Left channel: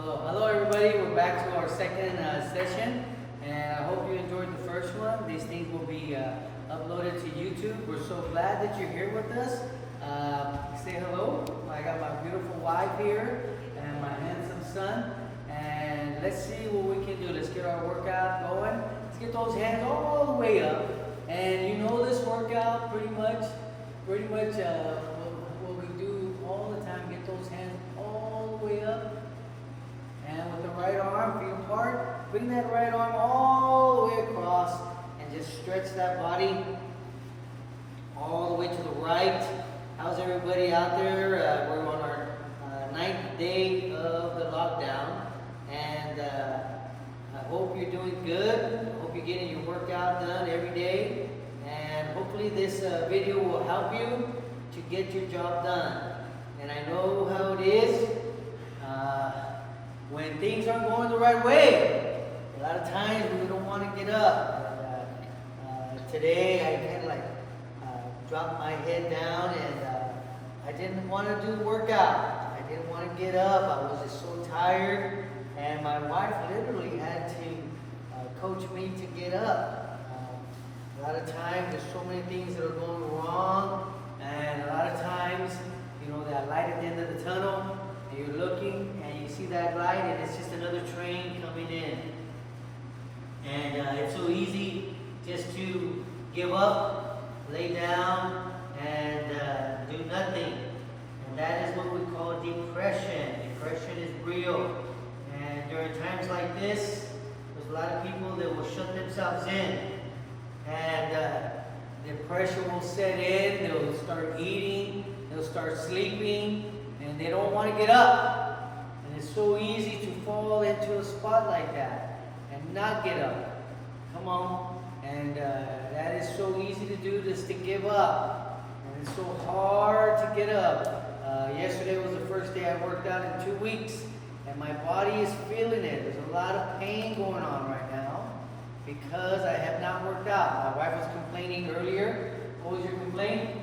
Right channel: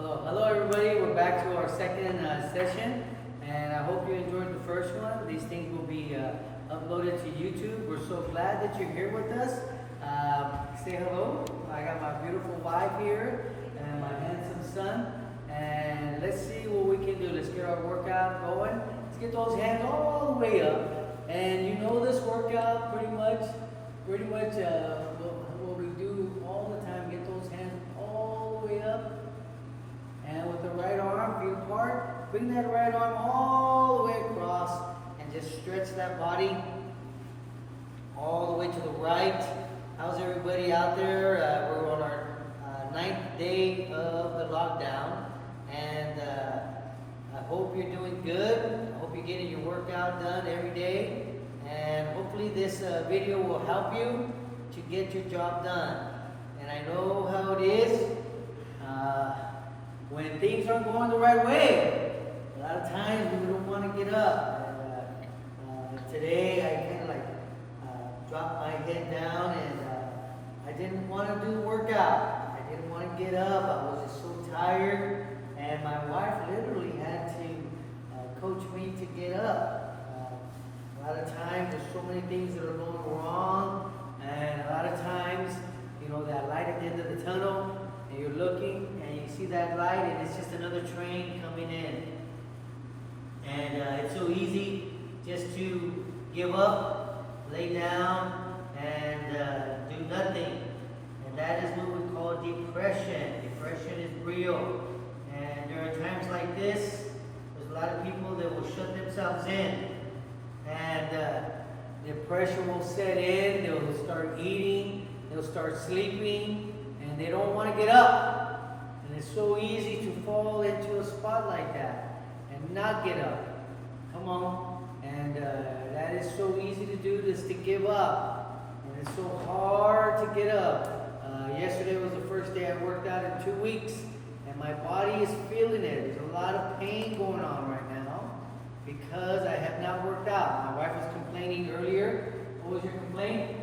Hello everybody. We're back to our second session, and I hope you enjoyed the first one. These things will be uploaded to YouTube. We're so glad that you're here with us. Say hello. I got my beautiful wife here and my handsome son, and let's see what we can do. Let's get our workout going. Let's get those hands all the way up. And you know this workout pretty much what we do all the time. Get those hands all the way up. And with the right arm, feet apart, bring that right arm all the way across and just stretch that body all the way to the right. How's everybody out there? We're on our ninth day of the lockdown, and I hope you're doing good. I hope you're getting your workout done every day, and hopefully this video will help you to get your job done. And I know how it is. When things aren't going the right way, a lot of times we don't want to get up. And, today I kind of dropped my head down, and I didn't want to do the workout. I didn't want to get up. I was just so tired, and my wife literally had to coach me to get up. A lot of times there's so many things that are going wrong, and a lot of times, you know, that light at the end of the tunnel, and you're looking and you see that light and it's just another train coming in. And it's so easy just to give up, lay down, and do nothing. And that is what we call depression. Depression is real. And during times like this, there's a lot of people that will shut themselves in. And depression will set in. They'll start eating. They'll start sleeping. And they don't want to get up. And it's so easy to fall into a spot like that and not get up. Come on. And that is so easy to do, just to give up. And it's so hard to get up. Yesterday was the first day I worked out in 2 weeks, and my body is feeling it. There's a lot of pain going on right now because I have not worked out. My wife was complaining earlier. What was your complaint?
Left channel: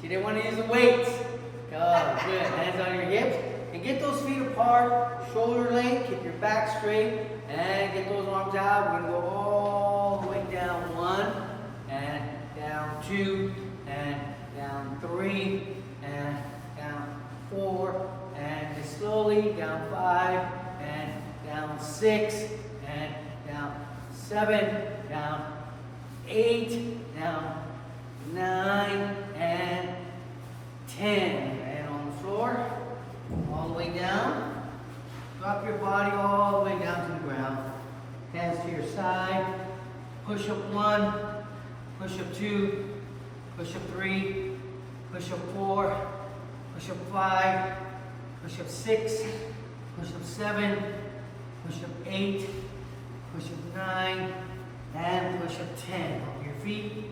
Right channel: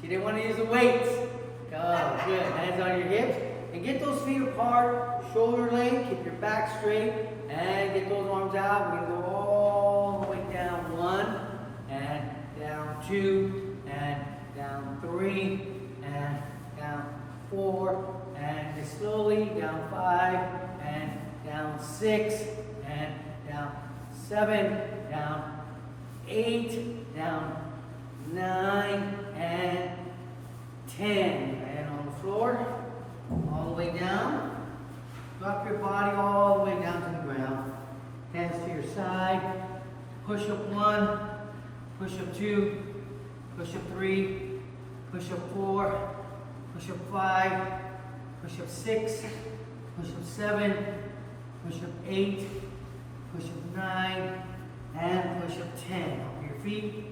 She didn't want to use the weights. Oh, good. Hands on your hips. And get those feet apart, shoulder length, keep your back straight, and get those arms out. We're going to go all the way down 1, and down 2, and down 3, and down 4, and just slowly down 5, and down 6, and down 7, down 8, down 9, and 10. And on the floor, all the way down. Drop your body all the way down to the ground. Hands to your side. Push up 1, push up 2, push up 3, push up 4, push up 5, push up 6, push up 7, push up 8, push up 9, and push up 10. Off your feet.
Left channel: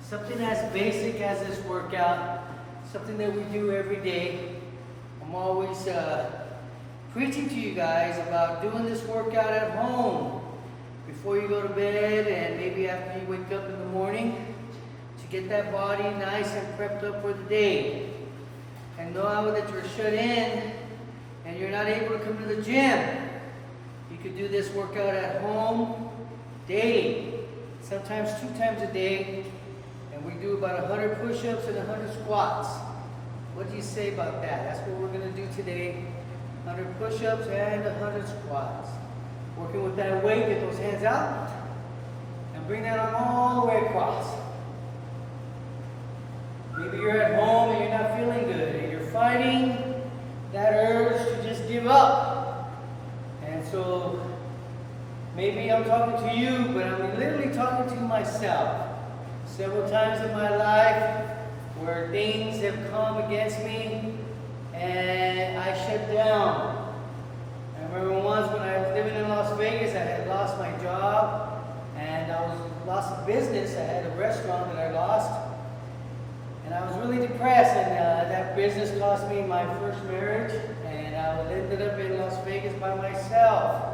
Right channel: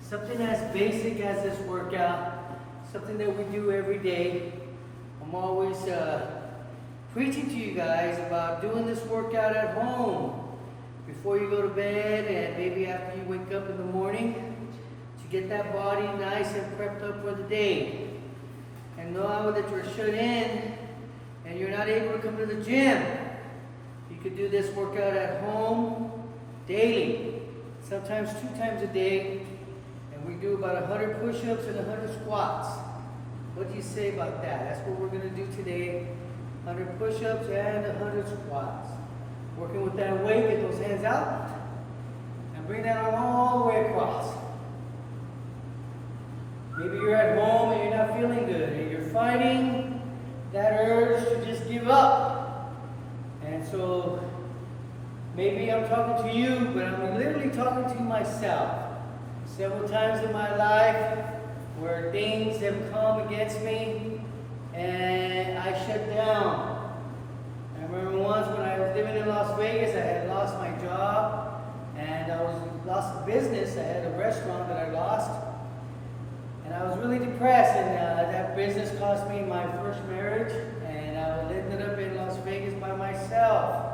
Something as basic as this workout. Something that we do every day. I'm always preaching to you guys about doing this workout at home before you go to bed, and maybe after you wake up in the morning, to get that body nice and prepped up for the day. And now that you're shut in and you're not able to come to the gym, you could do this workout at home daily, sometimes 2 times a day. And we do about 100 push-ups and 100 squats. What do you say about that? That's what we're going to do today. 100 push-ups and 100 squats. Working with that weight, get those hands out. And bring that arm all the way across. Maybe you're at home and you're not feeling good. And you're fighting that urge to just give up. And so, maybe I'm talking to you, but I'm literally talking to myself. Several times in my life where things have come against me and I shut down. I remember once when I was living in Las Vegas, I had lost my job and I lost a business. I had a restaurant that I lost, and I was really depressed, and that business cost me my first marriage, and I ended up in Las Vegas by myself.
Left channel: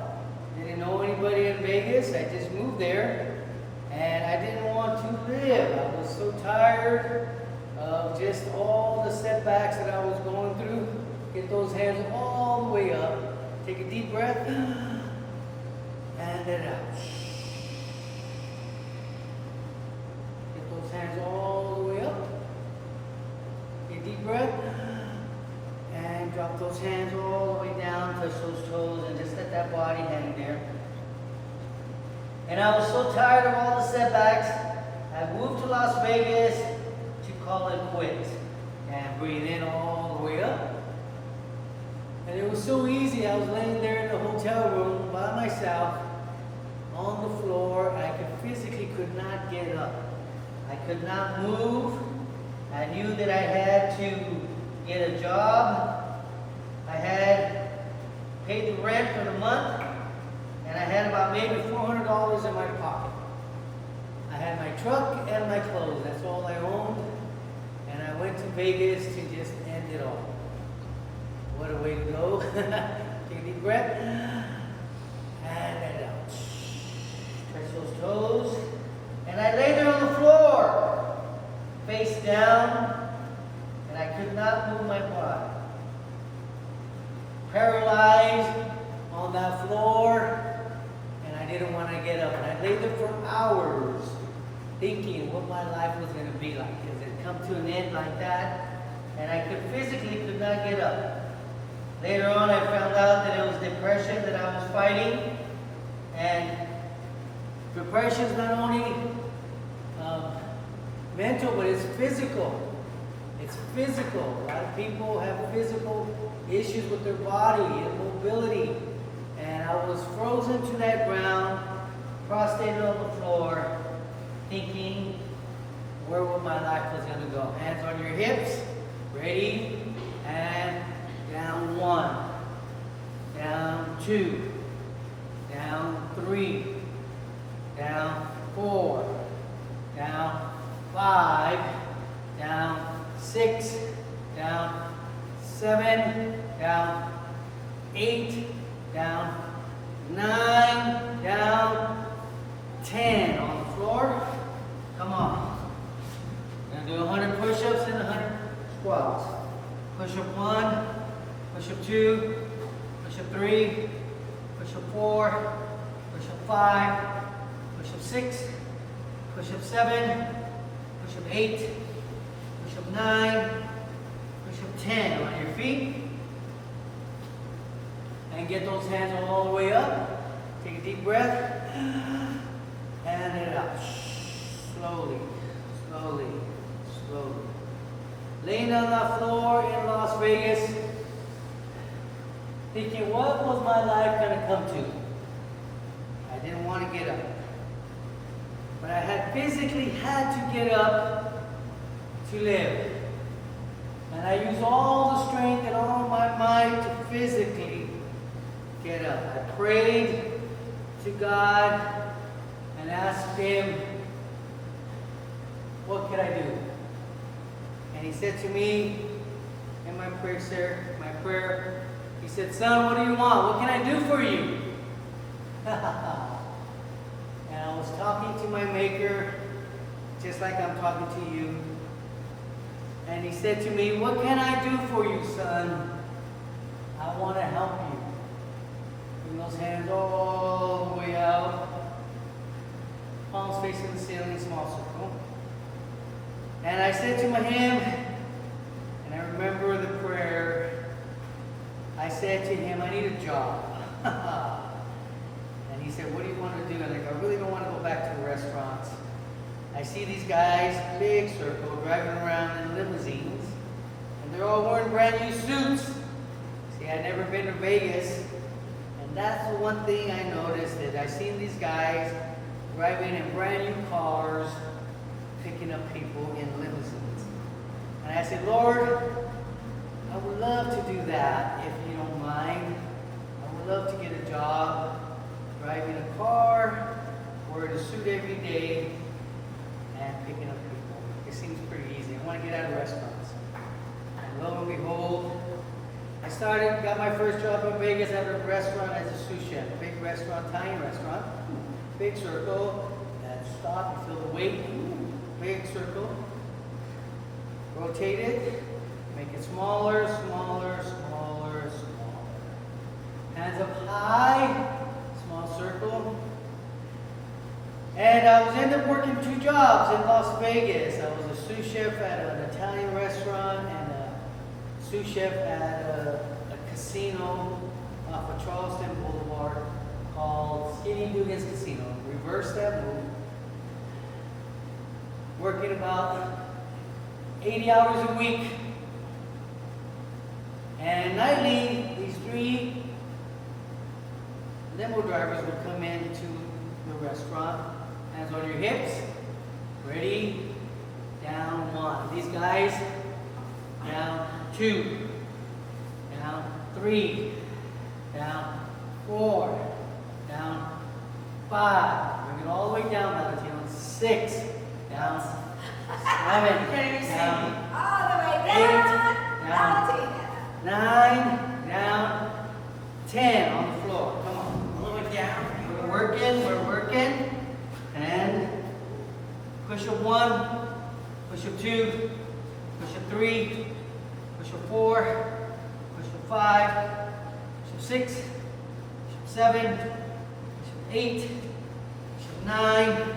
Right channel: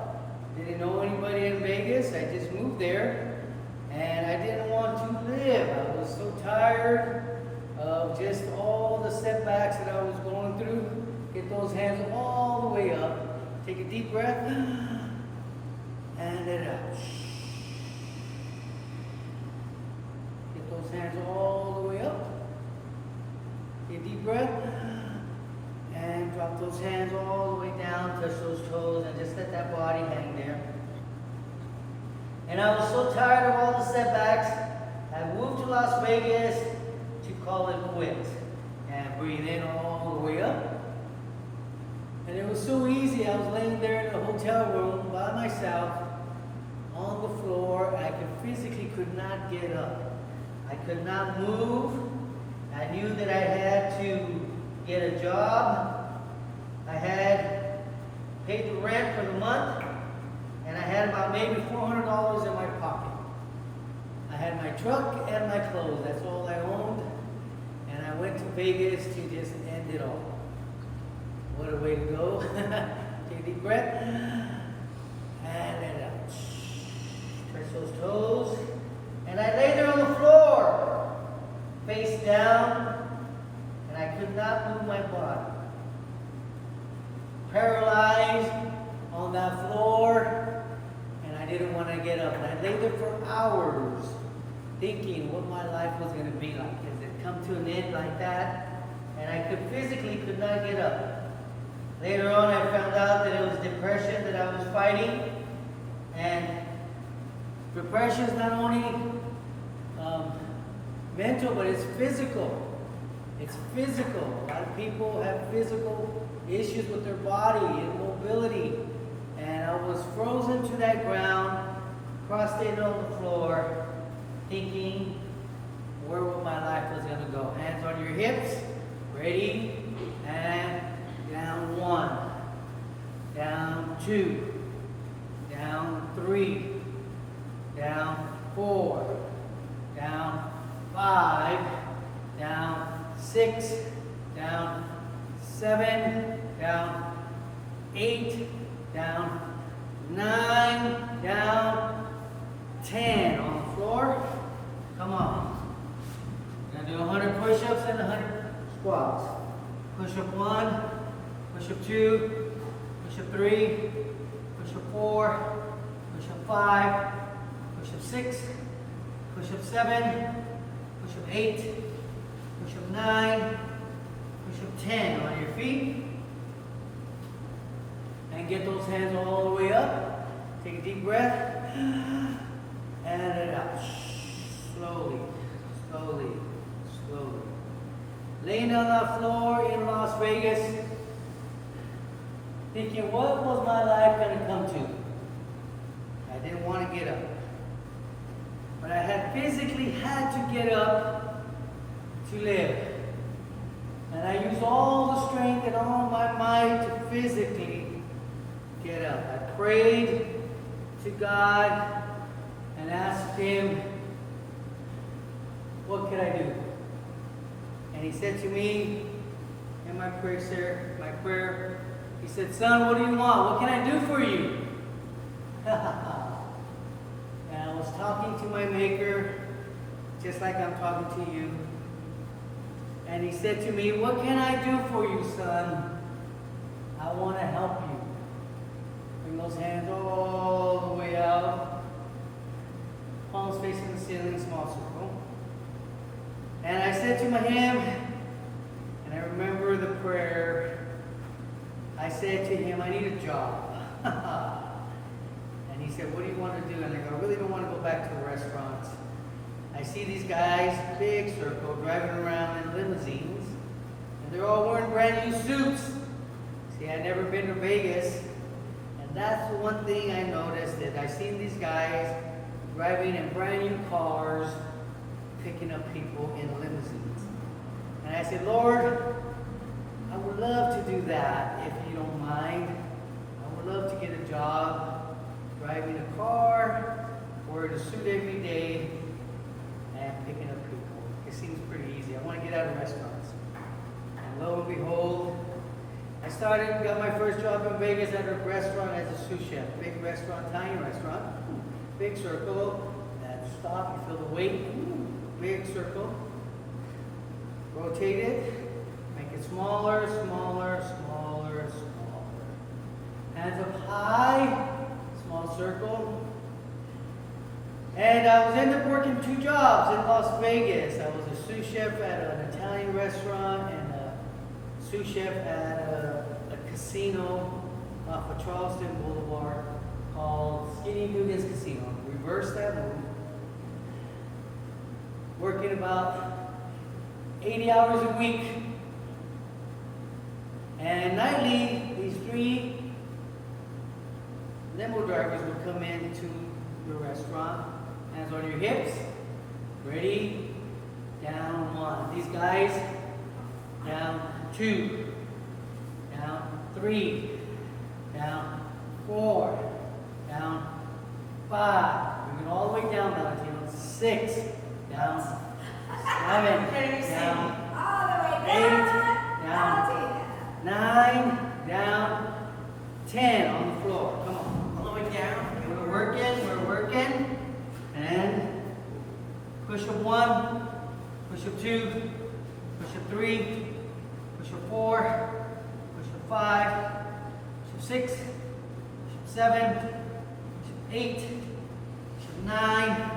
Didn't know anybody in Vegas. I just moved there. And I didn't want to live. I was so tired of just all the setbacks that I was going through. Get those hands all the way up. Take a deep breath. And let it out. Get those hands all the way up. Take a deep breath. And drop those hands all the way down, touch those toes, and just let that body hang there. And I was so tired of all the setbacks, I moved to Las Vegas to call it quits. And breathe in all the way up. And it was so easy. I was laying there in the hotel room by myself on the floor. I physically could not get up. I could not move. I knew that I had to get a job. I had paid the rent for the month, and I had about maybe $400 in my pocket. I had my truck and my clothes. That's all I owned. And I went to Vegas to just end it all. What a way to go. Take a deep breath. And let it out. Touch those toes. And I lay there on the floor, face down, and I could not move my body. Paralyzed on that floor, and I didn't want to get up. And I lay there for hours, thinking what my life was going to be like. Has it come to an end like that? And I physically could not get up. Later on, I found out that it was depression that I was fighting. And depression is not only mental, but it's physical. It's physical. A lot of people have physical issues with their body, immobility. And I was frozen to that ground, prostrated on the floor, thinking where my life was going to go. Hands on your hips. Ready? And down 1. Down 2. Down 3. Down 4. Down 5. Down 6. Down 7. Down 8. Down 9. Down 10. On the floor. Come on. We're going to do 100 push-ups and 100 squats. Push-up 1. Push-up 2. Push-up 3. Push-up 4. Push-up 5. Push-up 6. Push-up 7. Push-up 8. Push-up 9. Push-up 10. On your feet. And get those hands all the way up. Take a deep breath. And let it out. Slowly, slowly, slowly. Laying on the floor in Las Vegas, thinking, what was my life going to come to? I didn't want to get up. But I had physically had to get up to live. And I used all the strength and all my might to physically get up. I prayed to God and asked Him, what could I do? And He said to me in my prayer, He said, son, what do you want? What can I do for you? And I was talking to my Maker, just like I'm talking to you. And He said to me, what can I do for you, son? I want to help you. Bring those hands all the way out. Palms facing the ceiling, small circle. And I said to him, and I remember the prayer, I said to him, I need a job. And he said, what do you want to do? And I go, I really don't want to go back to restaurants. I see these guys, big circle, driving around in limousines, and they're all wearing brand new suits. See, I'd never been to Vegas, and that's the one thing I noticed, that I seen these guys driving in brand new cars, picking up people in limousines. And I said, Lord, I would love to do that if you don't mind. I would love to get a job driving a car, wearing a suit every day, and picking up people. It seems pretty easy. I want to get out of restaurants. And lo and behold, I got my first job in Vegas at a restaurant as a sous chef. Big restaurant, tiny restaurant, big circle. That stop, you feel the weight, big circle. Rotate it, make it smaller, smaller, smaller, smaller. Hands up high, small circle. And I was ended up working 2 jobs in Las Vegas. I was a sous chef at an Italian restaurant and a sous chef at a casino off of Charleston Boulevard called Skinny Dugan's Casino. Reverse that move. Working about 80 hours a week. And nightly, these 3 limo drivers would come into the restaurant. Hands on your hips. Ready? Down 1. These guys, down 2. Down 3. Down 4. Down 5. Bring it all the way down, Valentino. 6. Down 7. Down All the way 8. down. Down 9. Down 10 on the floor. Come on. All the way down. We're working. We're working. And push up 1. Push up 2. Push up 3. Push up 4. Push up 5. Push up 6. Push up 7. Push up 8. Push up 9.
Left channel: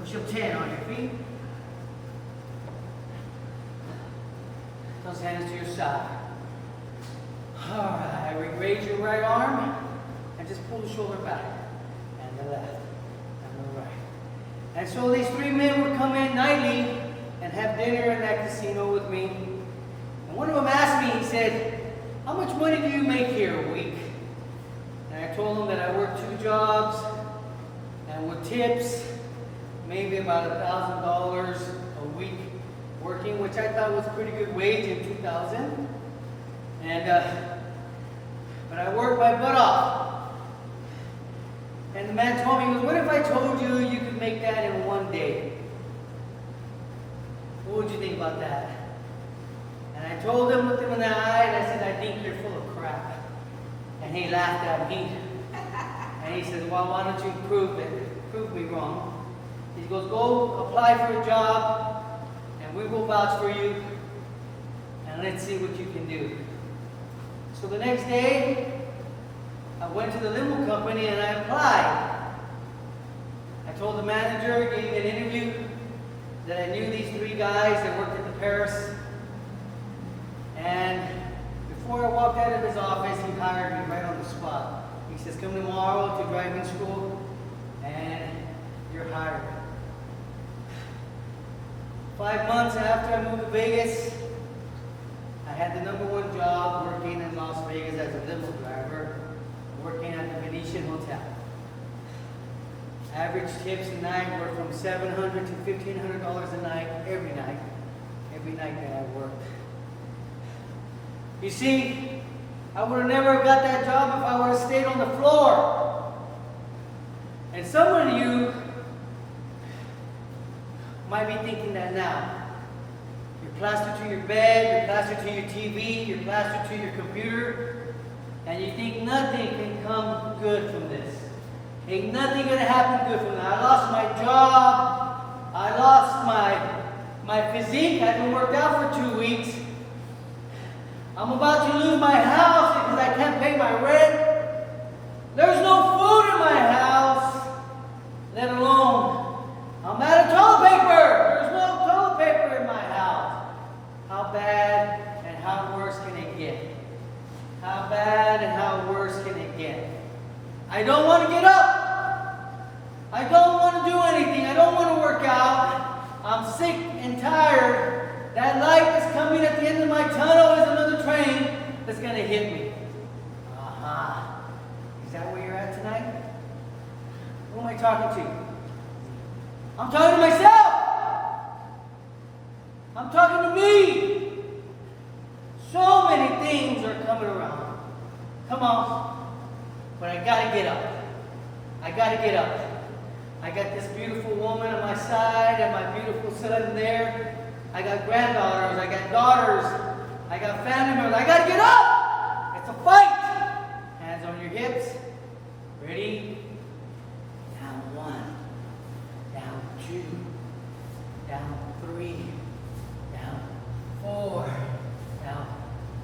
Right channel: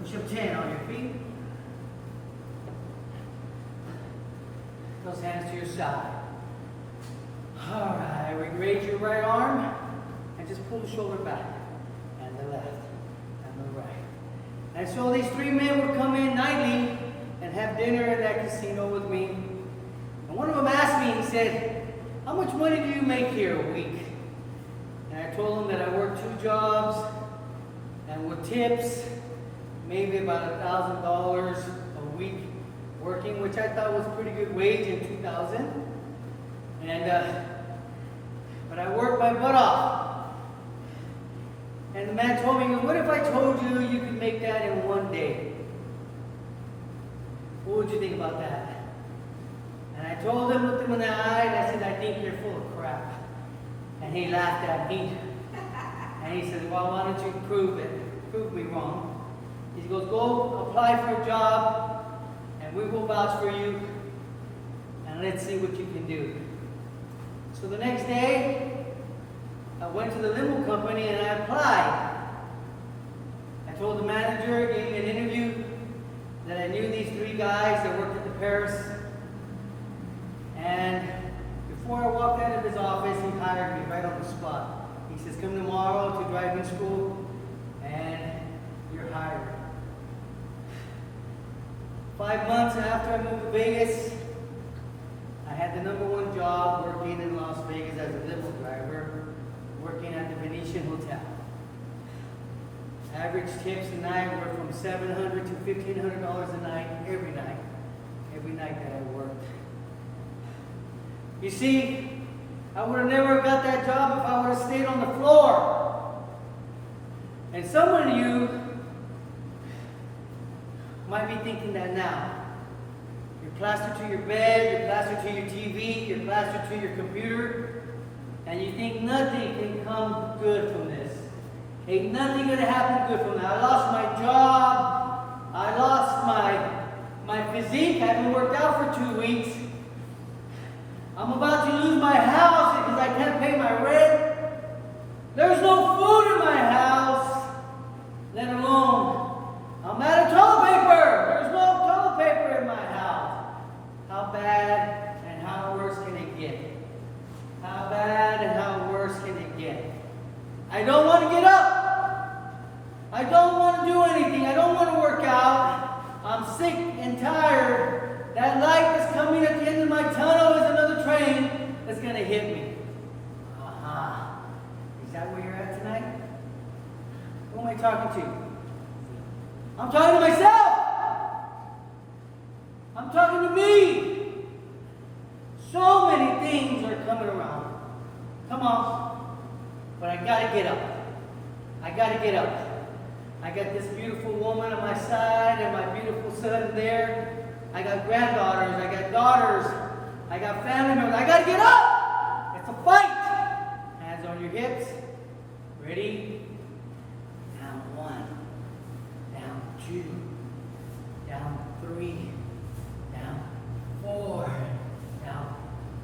Push up 10 on your feet. Those hands to your side. All right, raise your right arm and just pull the shoulder back. And the left, and the right. And so these 3 men would come in nightly and have dinner at that casino with me. And one of them asked me, he said, "How much money do you make here a week?" And I told him that I work 2 jobs and with tips, maybe about $1,000 a week working, which I thought was a pretty good wage in 2000. But I worked my butt off. And the man told me, he goes, "What if I told you you could make that in 1 day? What would you think about that?" And I told him, looked him in the eye, and I said, "I think you're full of crap." And he laughed at me. And he said, "Well, why don't you prove it? Prove me wrong." He goes, "Go apply for a job, and we will vouch for you, and let's see what you can do." So the next day, I went to the limo company and I applied. I told the manager, gave me an interview, that I knew these 3 guys that worked at the Paris. And before I walked out of his office, he hired me right on the spot. He says, "Come tomorrow to driving school, and you're hired." 5 months after I moved to Vegas, I had the #1 job working in Las Vegas as a limo driver, working at the Venetian Hotel. Average tips a night were from $700 to $1,500 a night, every night that I worked. You see, I would have never got that job if I would have stayed on the floor. And some of you might be thinking that now. You're plastered to your bed, you're plastered to your TV, you're plastered to your computer, and you think nothing can come good from this. Ain't nothing gonna happen good from that. I lost my job, I lost my physique, I haven't worked out for 2 weeks. I'm about to lose my house because I can't pay my rent. There's no food in my house, let alone I'm out of toilet paper. There's no toilet paper in my house. How bad and how worse can it get? How bad and how worse can it get? I don't want to get up. I don't want to do anything. I don't want to work out. I'm sick and tired. That light that's coming at the end of my tunnel is another train that's going to hit me. Aha. Is that where you're at tonight? Who am I talking to? I'm talking to myself. I'm talking to me. So many things are coming around. Come on. But I got to get up. I got to get up. I got this beautiful woman on my side and my beautiful son there. I got granddaughters. I got daughters. I got family members. I got to get up. It's a fight. Hands on your hips. Ready? Down 1. Down 2. Down 3. Down 4. Down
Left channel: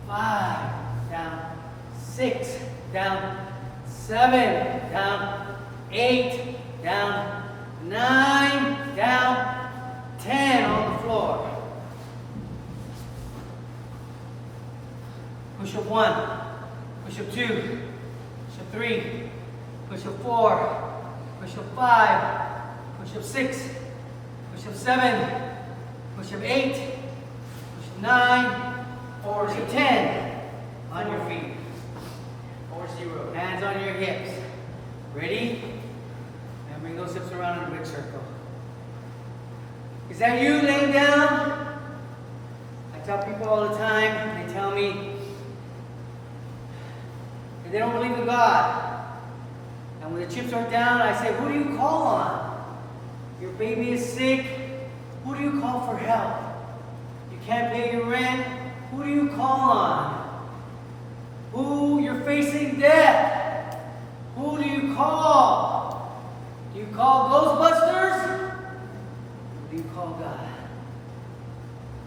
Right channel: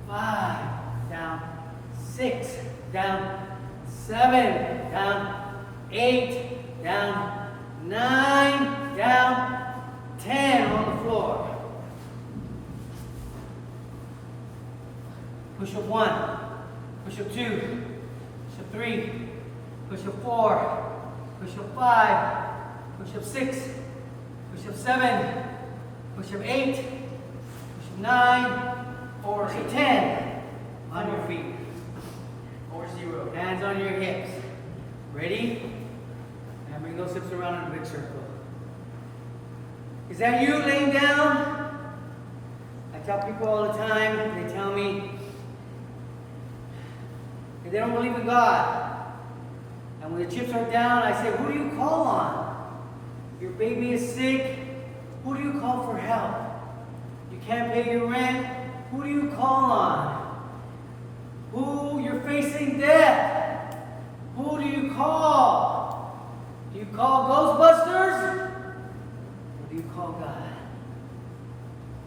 5. Down 6. down 7, down 8, down 9, down 10 on the floor. Push up 1, push up 2, push up 3, push up 4, push up 5, push up 6, push up 7, push up 8, push up 9, push up 10 on your feet. Or 0. Hands on your hips. Ready? And bring those hips around in a big circle. Is that you laying down? I tell people all the time, and they tell me that they don't believe in God. And when the chips are down, I say, who do you call on? Your baby is sick. Who do you call for help? You can't pay your rent. Who do you call on? Who you're facing death? Who do you call? Do you call Ghostbusters? Or do you call God?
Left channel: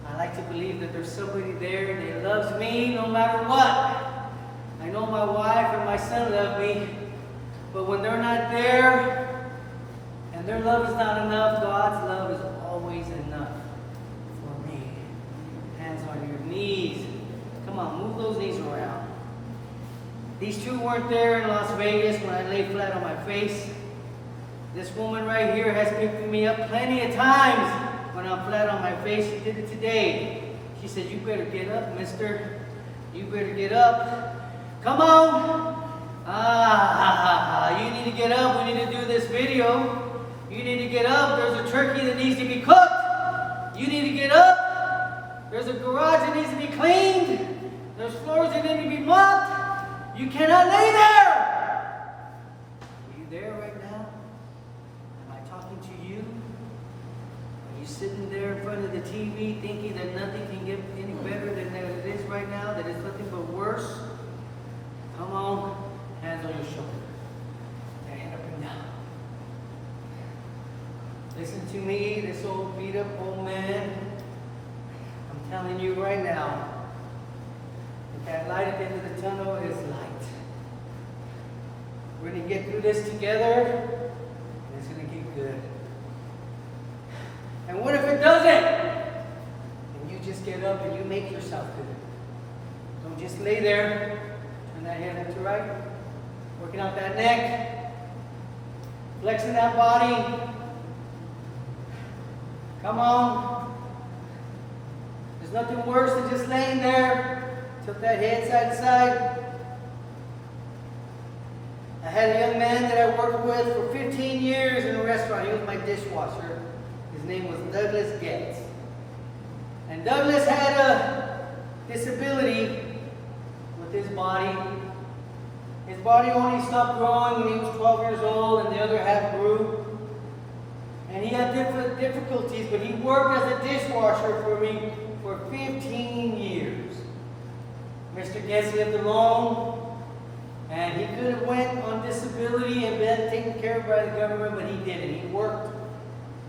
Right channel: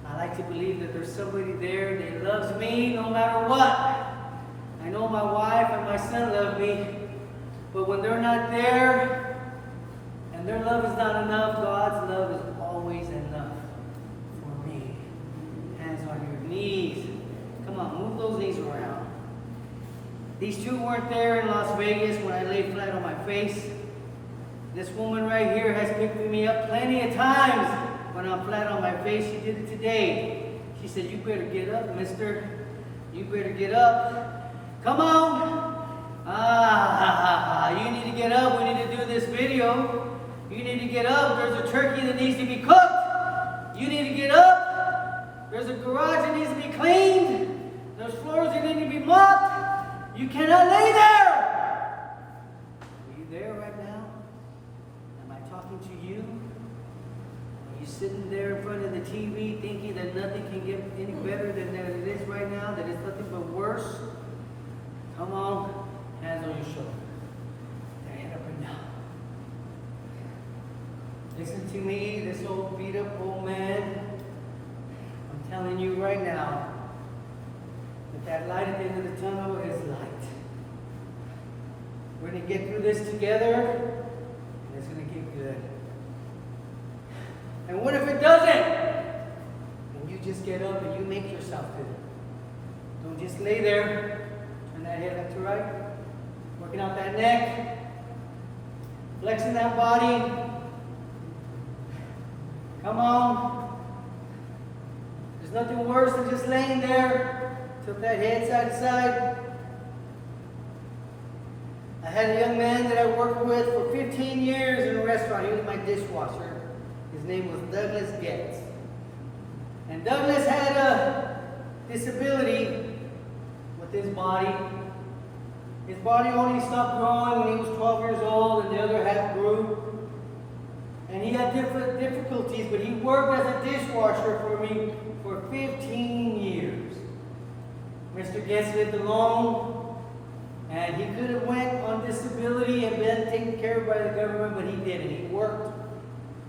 I like to believe that there's somebody there that loves me no matter what. I know my wife and my son love me, but when they're not there and their love is not enough, God's love is always enough for me. Hands on your knees. Come on, move those knees around. These two weren't there in Las Vegas when I lay flat on my face. This woman right here has picked me up plenty of times when I'm flat on my face. She did it today. She said, you better get up, mister. You better get up. Come on. You need to get up. We need to do this video. You need to get up. There's a turkey that needs to be cooked. You need to get up. There's a garage that needs to be cleaned. There's floors that need to be mopped. You cannot lay there. Are you there right now? Am I talking to you? Are you sitting there in front of the TV thinking that nothing can get any better than it is right now? That it's nothing but worse? Come on, hands on your shoulder. Your head up and down. Listen to me, this old beat up old man. I'm telling you right now, that light at the end of the tunnel is light. We're going to get through this together, and it's going to get good. And what if it doesn't? And you just get up and you make yourself good. Don't just lay there. Turn that head left to right. Working out that neck. Flexing that body. Come on. There's nothing worse than just laying there. Tilt that head side to side. I had a young man that I worked with for 15 years in a restaurant. He was my dishwasher. His name was Douglas Getz. And Douglas had a disability with his body. His body only stopped growing when he was 12 years old, and the other half grew. And he had different difficulties, but he worked as a dishwasher for me for 15 years. Mr. Getz lived alone, and he could have went on disability and been taken care of by the government, but he didn't. He worked,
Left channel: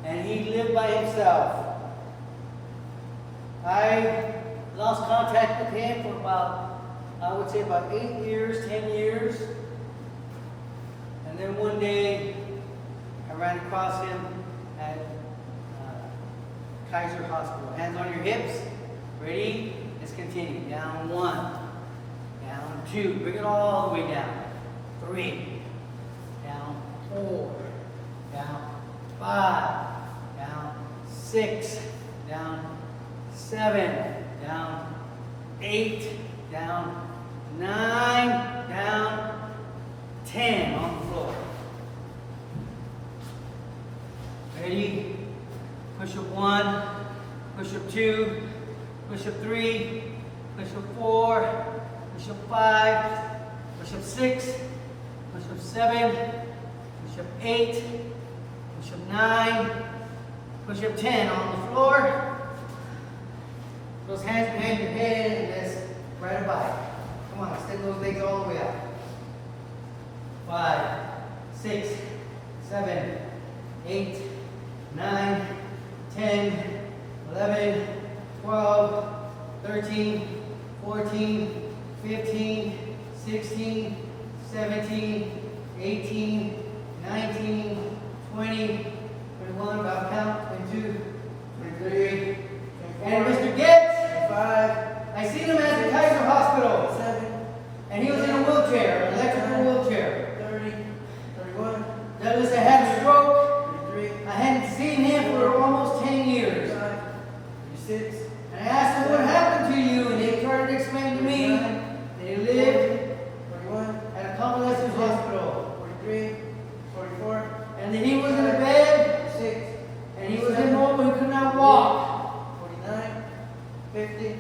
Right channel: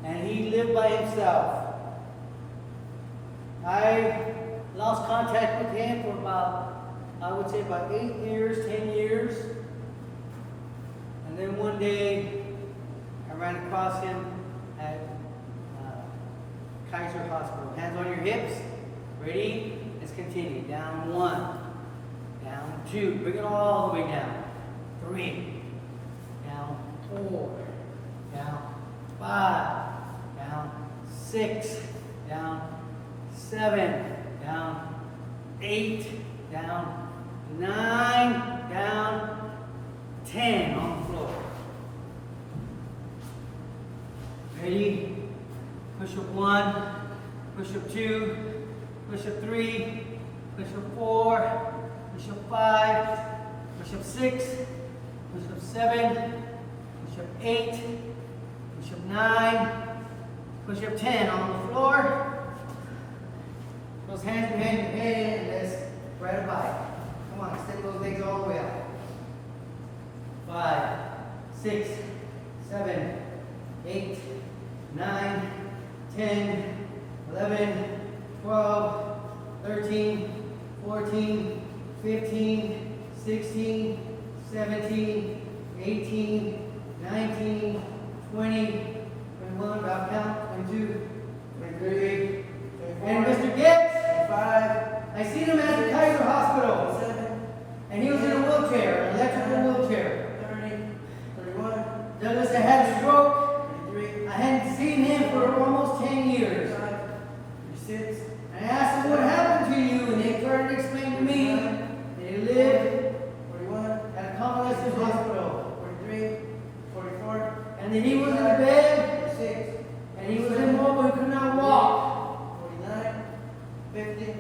and he lived by himself. I lost contact with him for about, I would say about 8 years, 10 years. And then one day, I ran across him at Kaiser Hospital. Hands on your hips. Ready? Let's continue. Down 1. Down 2. Bring it all the way down. 3. Down 4. Down 5. Down 6. Down 7. Down 8. Down 9. Down 10 on the floor. Ready? Push up 1. Push up 2. Push up 3, push up 4, push up 5, push up 6, push up 7, push up 8, push up 9, push up 10 on the floor. Those hands behind your head and let's ride a bike. Come on, extend those legs all the way out. 5, 6, 7, 8, 9, 10, 11, 12, 13, 14, 15, 16, 17, 18, 19, 20, 21, drop count, 22, 23, and Mr. Getz, 25, I seen him at the Kaiser Hospital, 27, and he was in a wheelchair, an electrical wheelchair. 30, 31, Douglas had had a stroke. 33, I hadn't seen him for almost 10 years. 35, 36, And I asked him what happened to you, and he started to explain to me that he lived 41, at a convalescent hospital. 43, 44, And then he was in a bed, 46, and he was immobile, he could not walk. 49, 50,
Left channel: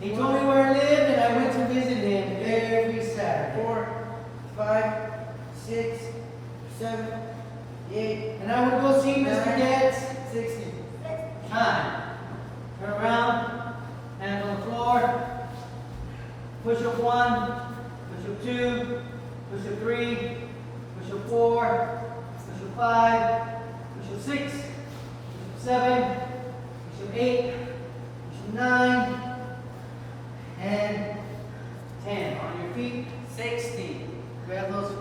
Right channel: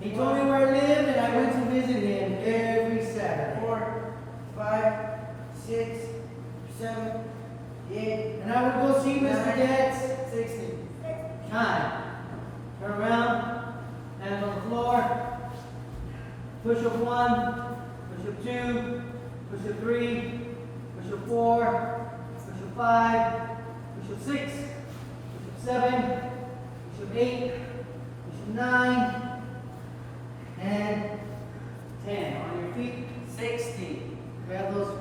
He told me where I lived, and I went to visit him every Saturday. 4, 5, 6, 7, 8, And I would go see Mr. Getz. 60. Time. Turn around, hands on the floor. Push up 1, push up 2, push up 3, push up 4, push up 5, push up 6, push up 7, push up 8, push up 9, and 10. On your feet, 60. Grab those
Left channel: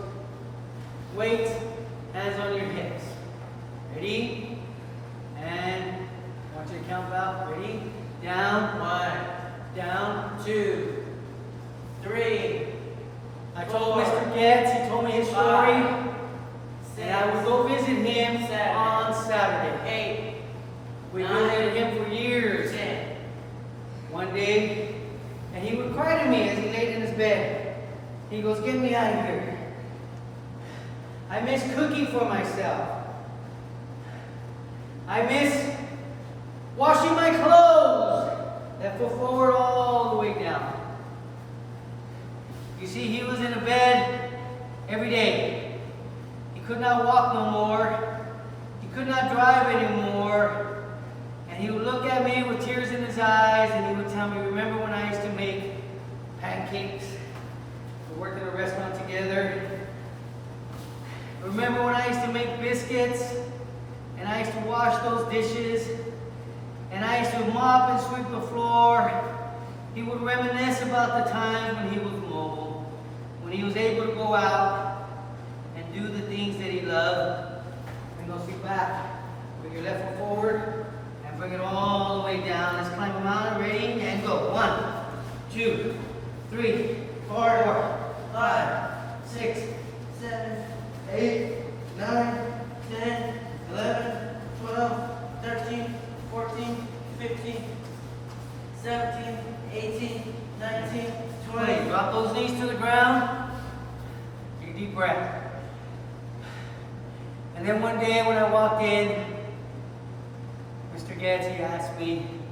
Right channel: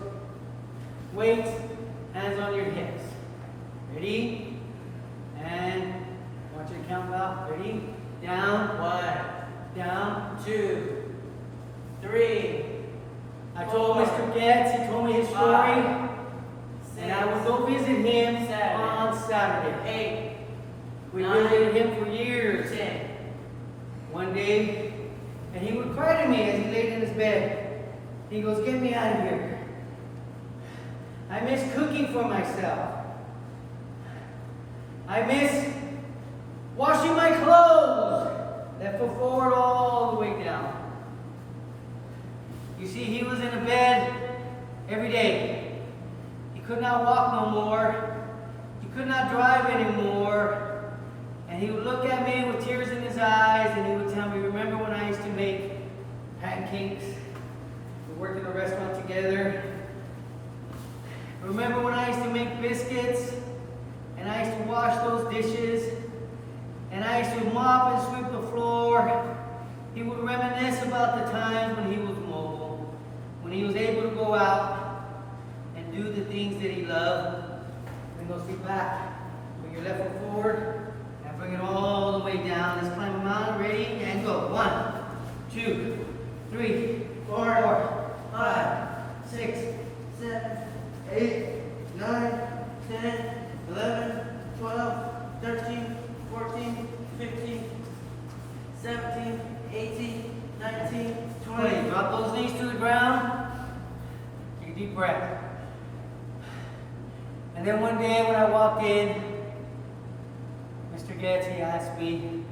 weights, hands on your hips. Ready? And I want you to count out. Ready? Down. 1, Down. 2, 3, I told 4, Mr. Getz, he told me his story, 5, 6, and I would go visit him 7, on Saturday. 8, We 9, visited him for years. 10. One day, and he would cry to me as he laid in his bed. He goes, "Get me out of here. I miss cooking for myself. I miss washing my clothes that foot forward all the way down." You see, he was in a bed every day. He could not walk no more. He could not drive anymore. And he would look at me with tears in his eyes, and he would tell me, "Remember when I used to make pancakes? We worked in a restaurant together. Remember when I used to make biscuits? And I used to wash those dishes? And I used to mop and sweep the floor." He would reminisce about the times when he was mobile, when he was able to go out and do the things that he loved. Bring those feet back. Bring your left foot forward and bring it all the way down. Let's climb a mountain. Ready? And go. 1, 2, 3, 4, 5, 6, 7, 8, 9, 10, 11, 12, 13, 14, 15, 17, 18, 19, 20. 20. Drop those knees to the ground. Take a deep breath. And then one day when I walked in, Mr. Getz, he asked me,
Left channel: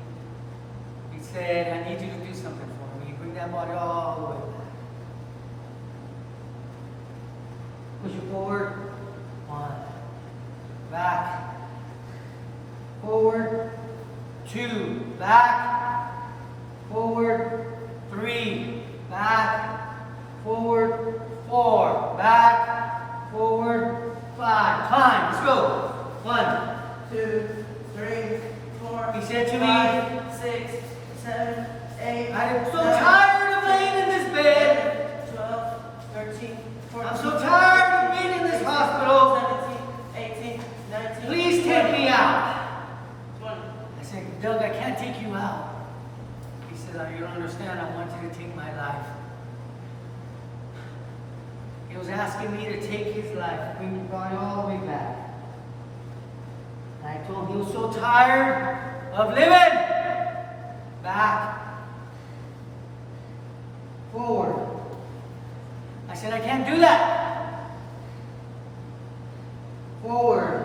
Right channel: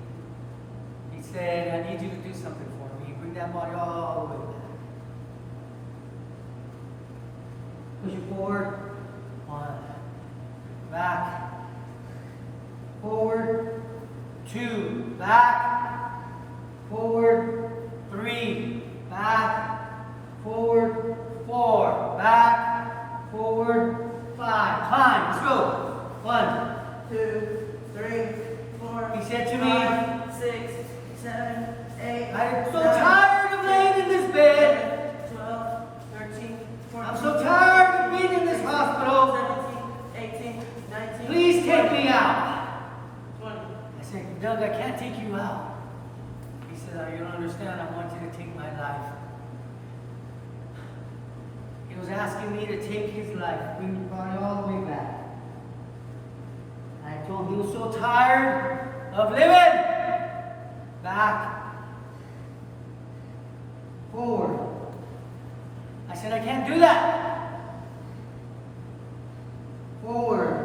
he said, "I need you to do something for me. Bring that body all the way back. Push it forward. 1. Back. Forward. 2. Back. Forward. 3. Back. Forward. 4. Back. Forward. 5. Climb. Let's go. 1. 2, 3, 4. He said to me, 5, 6, 7, 8. "I'm so 9, tired of laying in this bed. 12, 13, 14. I'm so tired of being in this hospital. 17, 18, 19. Please take 20, me out." 20. I said, "Doug, I can't take you out." He said, "Oh, you don't understand. I want you to take my life." He was asking me to take his life, bring your body all the way back. And I told him he was so tired of living. Back. Forward. I said, "I can't do that." Forward.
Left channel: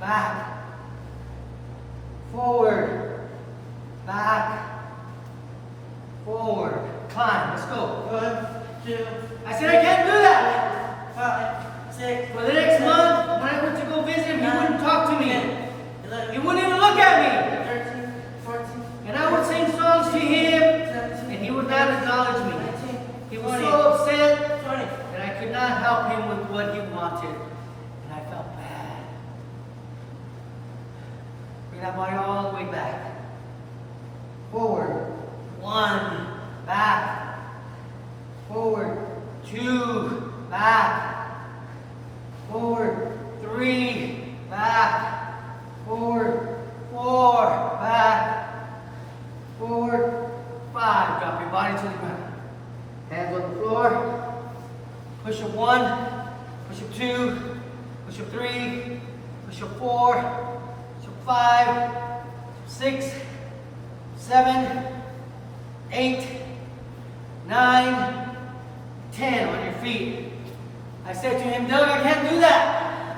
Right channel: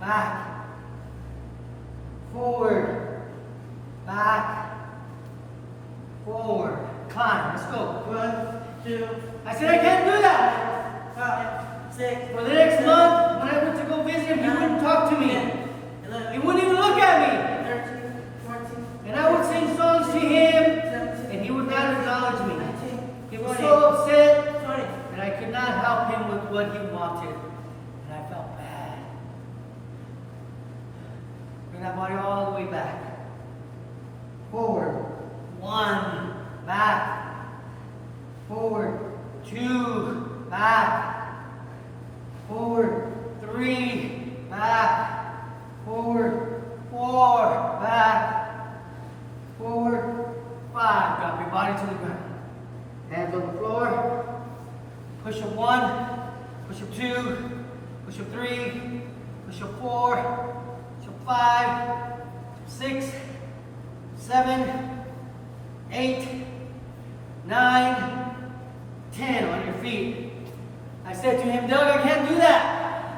Back. Forward. Back. Forward. Climb. Let's go. 1, 2. I said, "I can't do that." 5, 6. For the next month, when I went to go visit him, he wouldn't talk to me. 10, 11. He wouldn't even look at me. 13, 14. And I would sing songs to him, 17, and he would not acknowledge me. 19, He was 20, so upset 20. that I could not help him with what he wanted. And I felt bad. Bring that body all the way back. Forward. 1. Back. Forward. 2. 2, back, forward, 3, back, forward, 4, back, forward, 5. Drop your body to the ground. Hands on the floor. Push up 1, push up 2, push up 3, push up 4, push up 5, 6, 7, 8, 9, 10 on your feet. I said to him, Doug, I can't do that.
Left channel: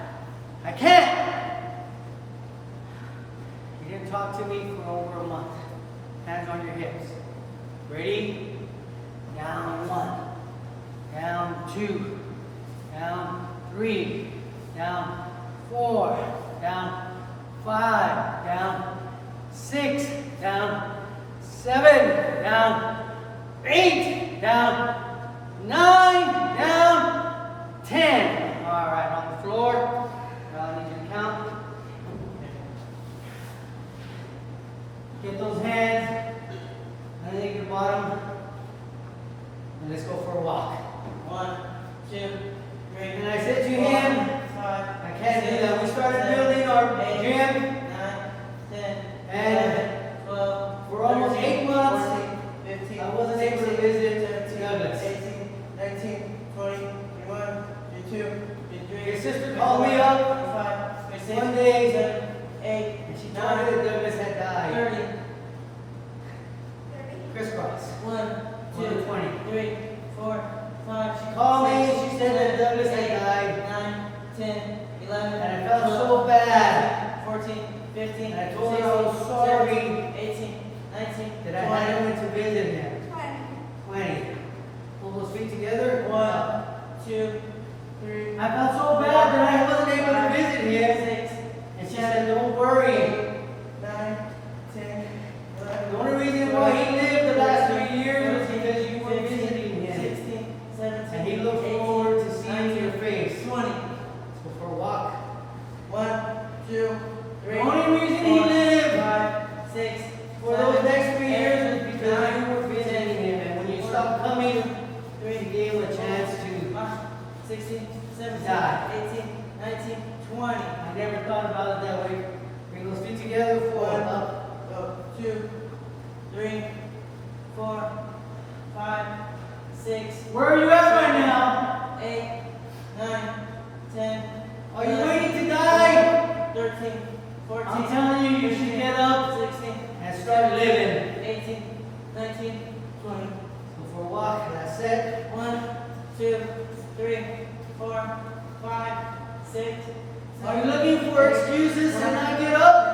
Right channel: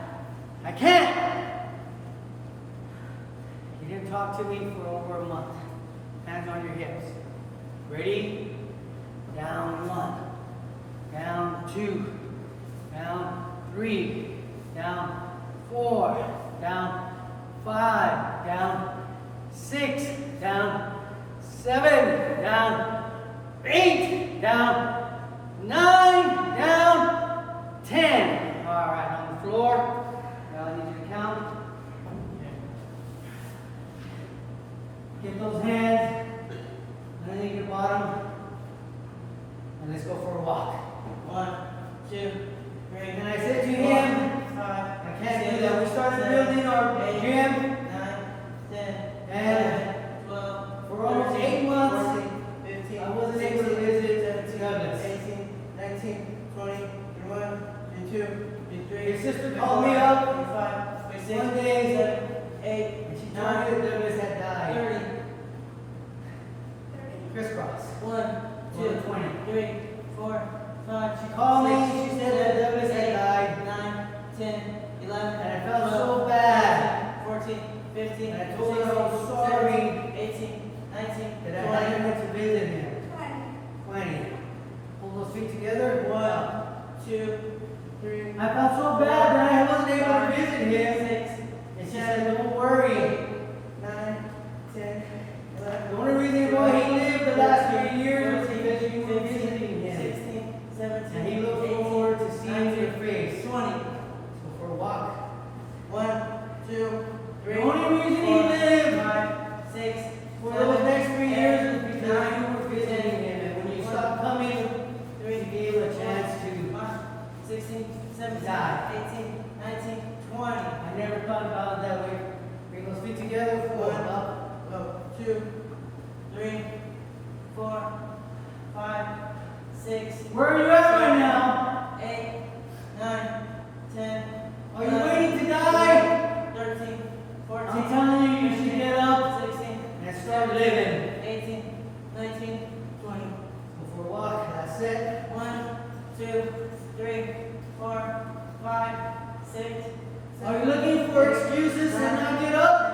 I can't. He didn't talk to me for over a month. Hands on your hips. Ready? Down 1, down 2, down 3, down 4, down 5, down 6, down 7, down 8, down 9, down 10. All right, on the floor. I need you to count. Get those hands underneath your bottom. And let's go for a walk. 1, 2, 3. And I said to him, 5. I can't do that. We started building our gym. 9, 10, And 11, 12. for almost 8 months, 14, 15. I wasn't able to visit 17, Douglas. 18, 19, 20, 21, 22, 23. His sister called me up 25, 26, one day, 27, 8, and she 9, told me that Douglas had died. 30. Crisscross. 1, 2, 120. 3, 4, 5. She called me, 6, she said that Douglas had 8, died. 9, 10, 11. And I felt 12, so bad 14, 15. And I told her I was 16, sorry 17, 18, 19, that I 20. hadn't went to visit him. 20. Pull those feet together. 1, 2, 3. I felt so bad that I wasn't able to visit him. 6, And she said, don't worry. 9, 10, 11. The only reason why he lived the last 3 years was because you were 15, visiting him. 16, 17, And he looked 18, forward to seeing your 19, face. 20. Let's go for a walk. 1, 2, 3. The only reason he 4, lived 5, 6, for 7, those next 3 years 8, was because 9, you were visiting him. And when you stopped coming, you gave him a chance to. 16, 17, Die. 18, 19, 20. I never thought about it that way. Bring those feet together. 4, up. 2, 3, 4, 5, 6. Where are you at right now? 8, 9, 10. Are you 11, waiting to die? 13, 14. I'm telling you, you should 15, get up 16, and start living. 18, 19, 20. Go for a walk. That's it. 1, 2, 3, 4, 5, 6. Are you looking for excuses to not get up?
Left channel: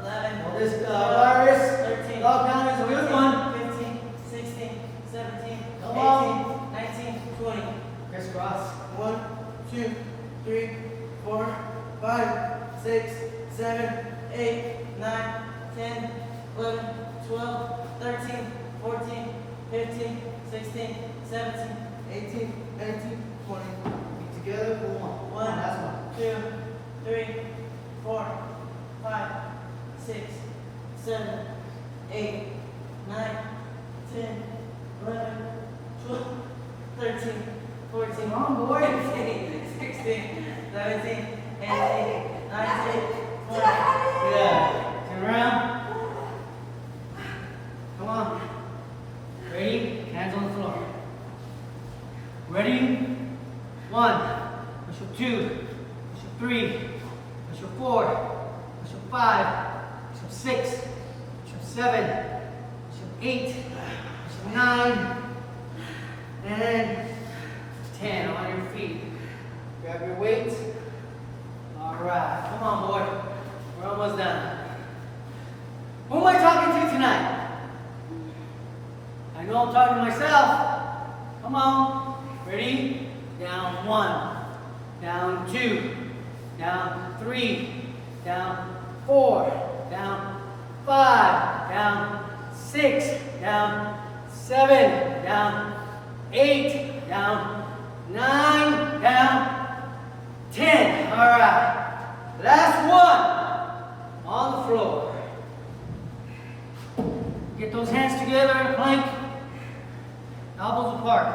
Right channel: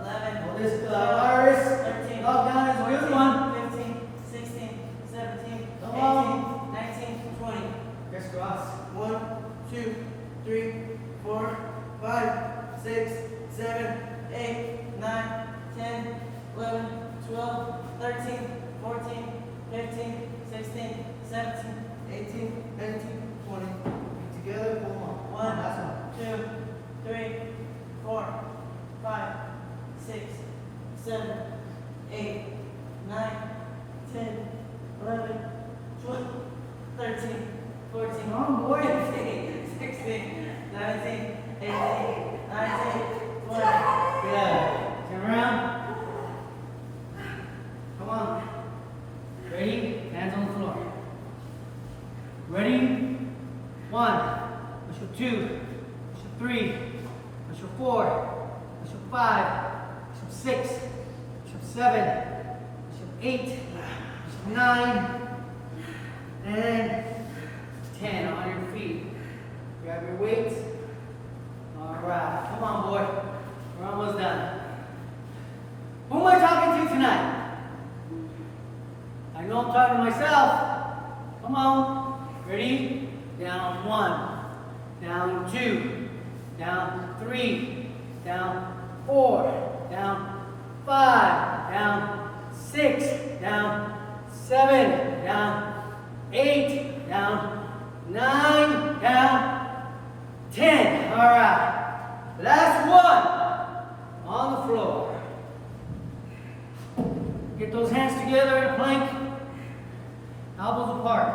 11. Well, this virus 13. lockdown is a good 14, one. 15, 16, 17, Come 18, on. 19, 20. Crisscross. 1, 2, 3, 4, 5, 6, 7, 8, 9, 10, 11, 12, 13, 14, 15, 16, 17, 18, 19, 20. Feet together. Pull them up. 1, That's one. 2, 3, 4, 5, 6, 7, 8, 9, 10, 11, 12, 13, 14, Come on, boy. 15, 16, 17, 18, 19, 20. Yeah. Turn around. Come on. Ready? Hands on the floor. Ready? 1. Push up 2. Push up 3. Push up 4. Push up 5. Push up 6. Push up 7. Push up 8. Push up 9. And 10 on your feet. Grab your weights. All right. Come on, boy. We're almost done. Who am I talking to tonight? I know I'm talking to myself. Come on. Ready? Down 1. Down 2. Down 3. Down 4. Down 5. Down 6. Down 7. Down 8. Down 9. Down 10. All right. Last one on the floor. Get those hands together in a plank. Elbows apart.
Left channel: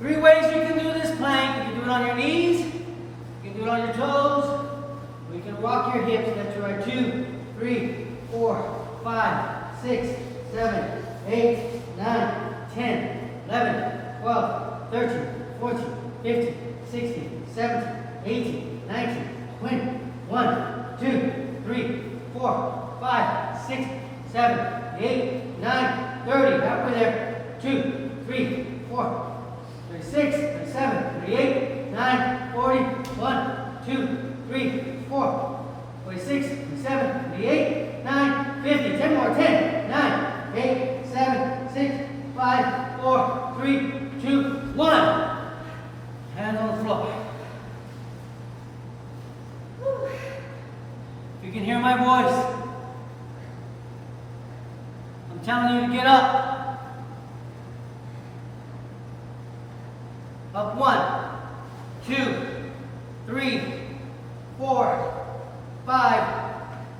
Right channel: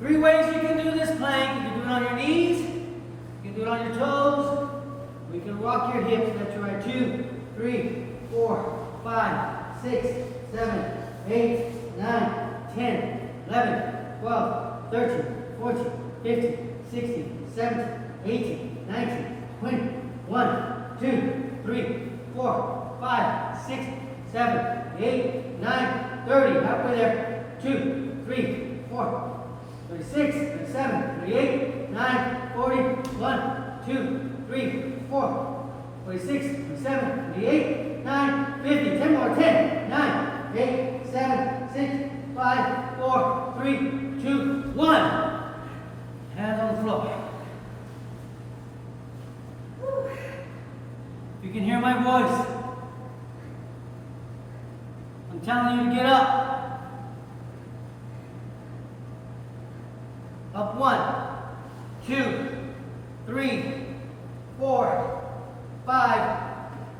3 ways you can can do this plank. You can do it on your knees. You can do it on your toes. Or you can rock your hips. That's right. 2, 3, 4, 5, 6, 7, 8, 9, 10, 11, 12, 13, 14, 15, 16, 17, 18, 19, 20, 1, 2, 3, 4, 5, 6, 7, 8, 9, 30. Halfway there. 2, 3, 4, 36, 37, 38, 9, 40, 1, 2, 3, 4, 46, 47, 48, 9, 50. 10 more. 10, 9, 8, 7, 6, 5, 4, 3, 2, 1. Hands on the floor. If you can hear my voice, I'm telling you to get up. Up 1, 2, 3, 4, 5,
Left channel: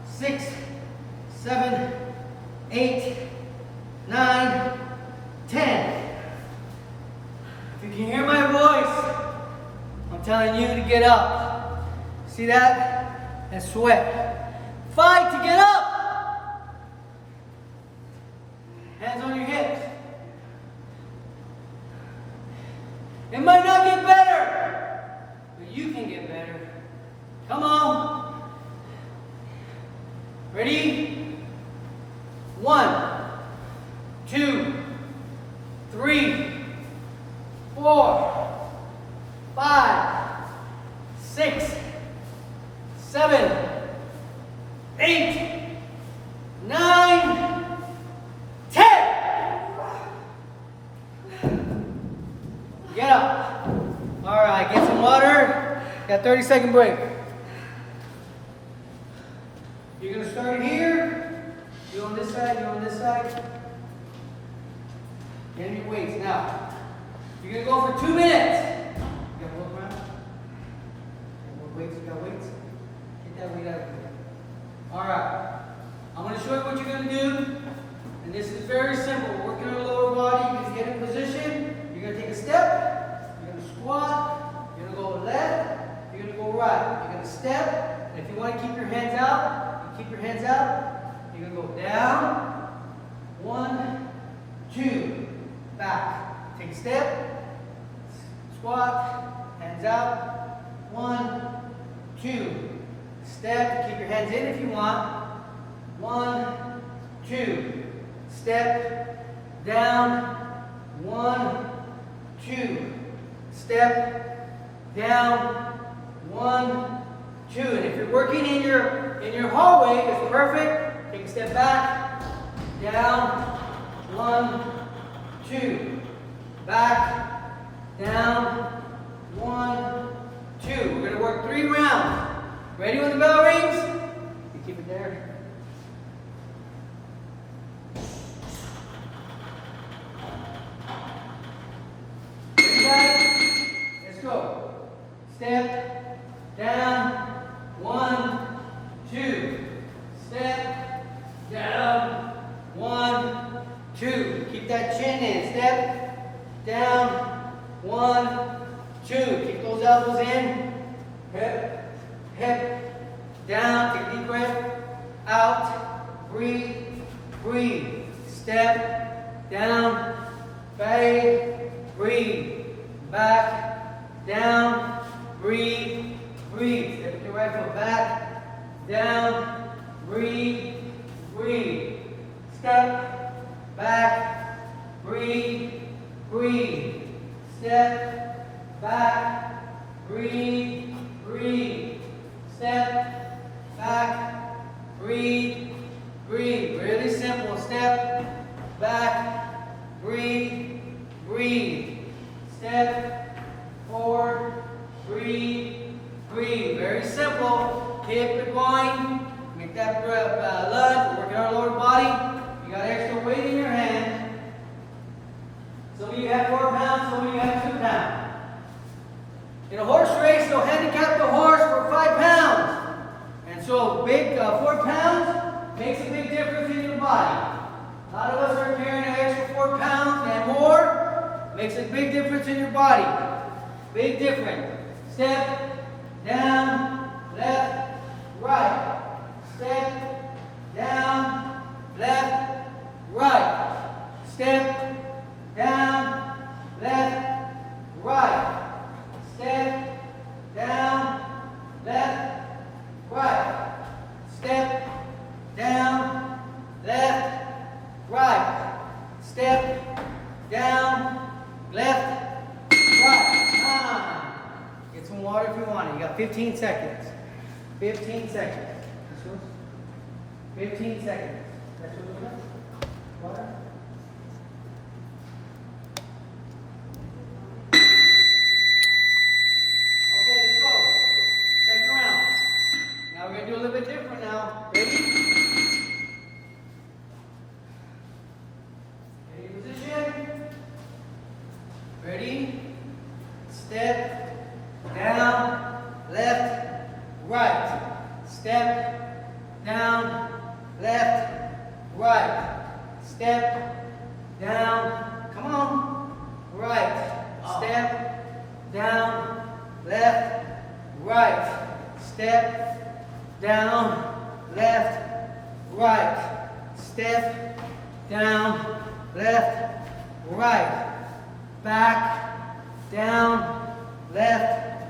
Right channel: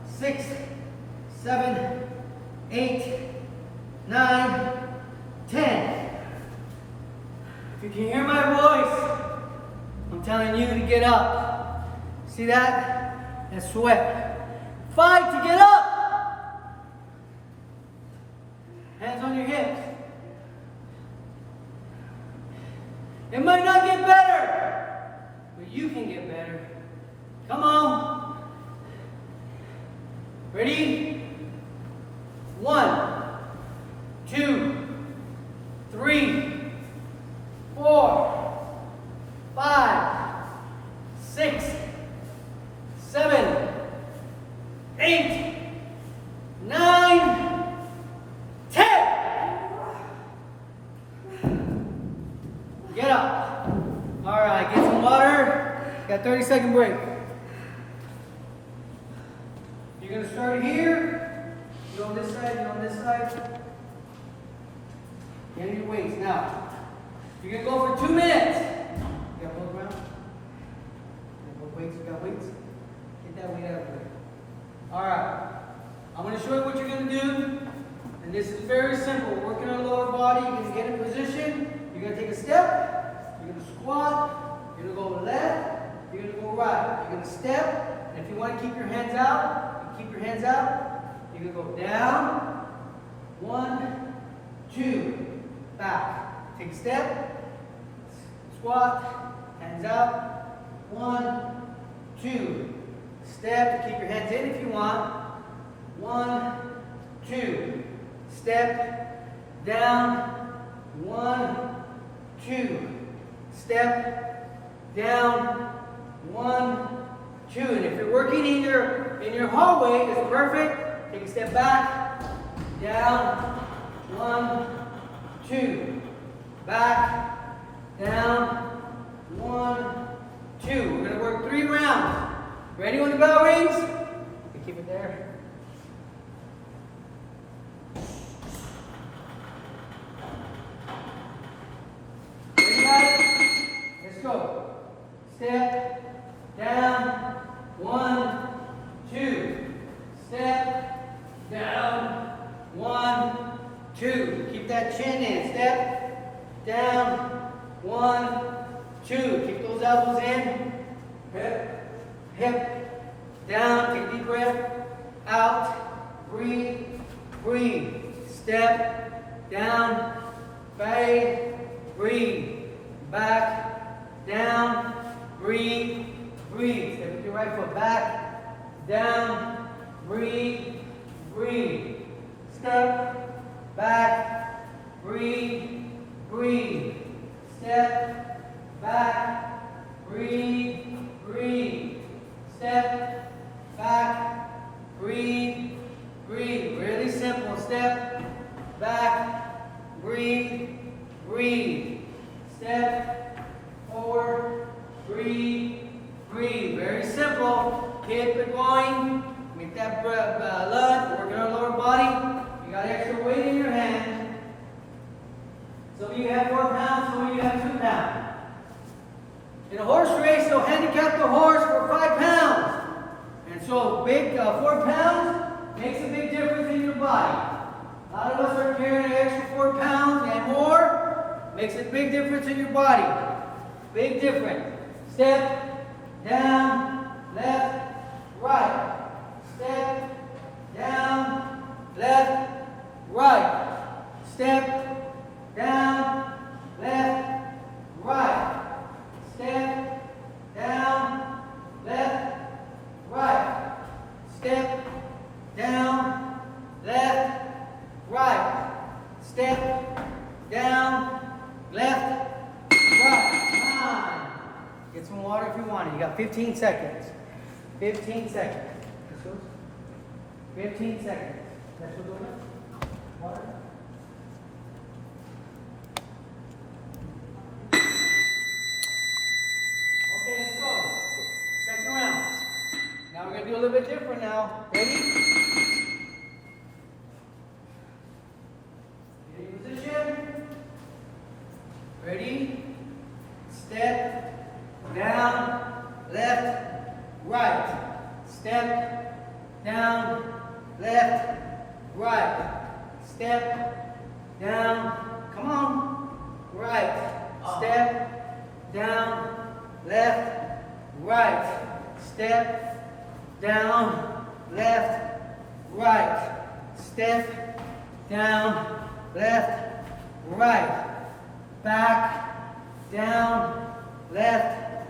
6, 7, 8, 9, 10. If you can hear my voice, I'm telling you to get up. See that? That's sweat. Fight to get up. Hands on your hips. It might not get better, but you can get better. Come on. Ready? 1, 2, 3, 4, 5, 6, 7, 8, 9, 10. Get up. All right, get some water. Got 30-second break. You're going to start here. You on this side, you on this side. Get your weights. Now, you're going to go for 2 minutes. You got both around? You got more weights? You got weights? Get that weight out of there. All right. I'm going to show you what you're going to do. And this is very simple. We're working our lower body. You're going to get in position. You're going to take a step. You're going to squat. You're going to go left. You're going to go right. You're going to step. And if you want to keep your hands out, you keep your hands out. You're going to go down. 1, 2. Back. Take a step. Squat. Hands out. 1, 2. Step. Keep your hands in if you want. 1, 2. Step. Down. 1, 2. Step. Down. 1, 2. And if you're working in your hallway, it's perfect. Take a step back. Down. 1, 2. Back. Down. 1, 2. We're going to work 3 rounds. Ready when the bell rings? You keep it there. Ready, guys? Let's go. Step. Down. 1, 2. Step. Down. 1, 2. Keep that chin in. Step. Down. 1, 2. Keep those elbows in. Hip. Hip. Down. Take a deep breath. Out. Breathe. Breathe. Step. Down. Fade. Breathe. Back. Down. Breathe. Breathe. Step with your right foot back. Down. Breathe. Breathe. Step. Back. Breathe. Breathe. Step. Back. Breathe. Breathe. Step. Back. Breathe. Breathe. Really simple. Step. Back. Breathe. Breathe. Step. Forward. Breathe. Breathe. Very simple. Keep it going. Make that lunge. Working our lower body. You got extra weight in your hand. Some of you have 4 pounds. Some of you have 2 pounds. In a horse race, they'll handicap the horse for 5 pounds. And so big 4 pounds makes a big difference in your body. A lot of us are carrying an extra 4 pounds and more. Makes a big difference in your body. Big difference. Step, down, left, right. Step, down, left, right. Step, down, left, right. Step, down, left, right. Step, down, left, right. Step, down, left, right. 9. Get some water if you want it. You got 15 seconds. 15 seconds. This yours? 15 seconds. That's what we're doing? Water? Okay, let's go. Second round. Now we're going to do a little bit different now. Ready? Get in position. Ready? Step, down, left, right. Step, down, left, right. Step, down, come on, right. Step, down, left, right. Step, down, left, right. Step, down, left, right. Back, down, left,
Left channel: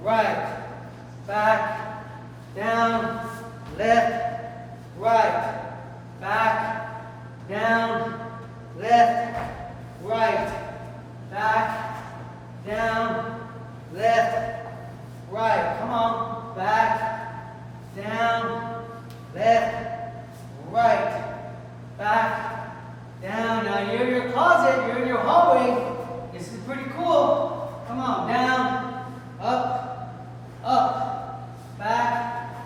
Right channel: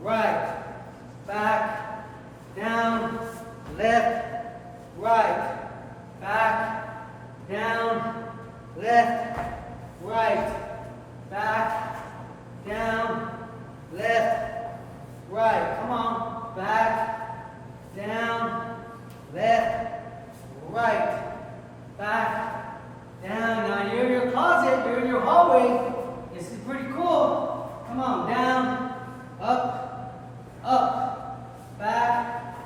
right. Back, down, left, right. Back, down, left, right. Back, down, left, right. Come on. Back, down, left, right. Back, down. Now you're in your closet, you're in your hallway. This is pretty cool. Come on, down, up, up, back,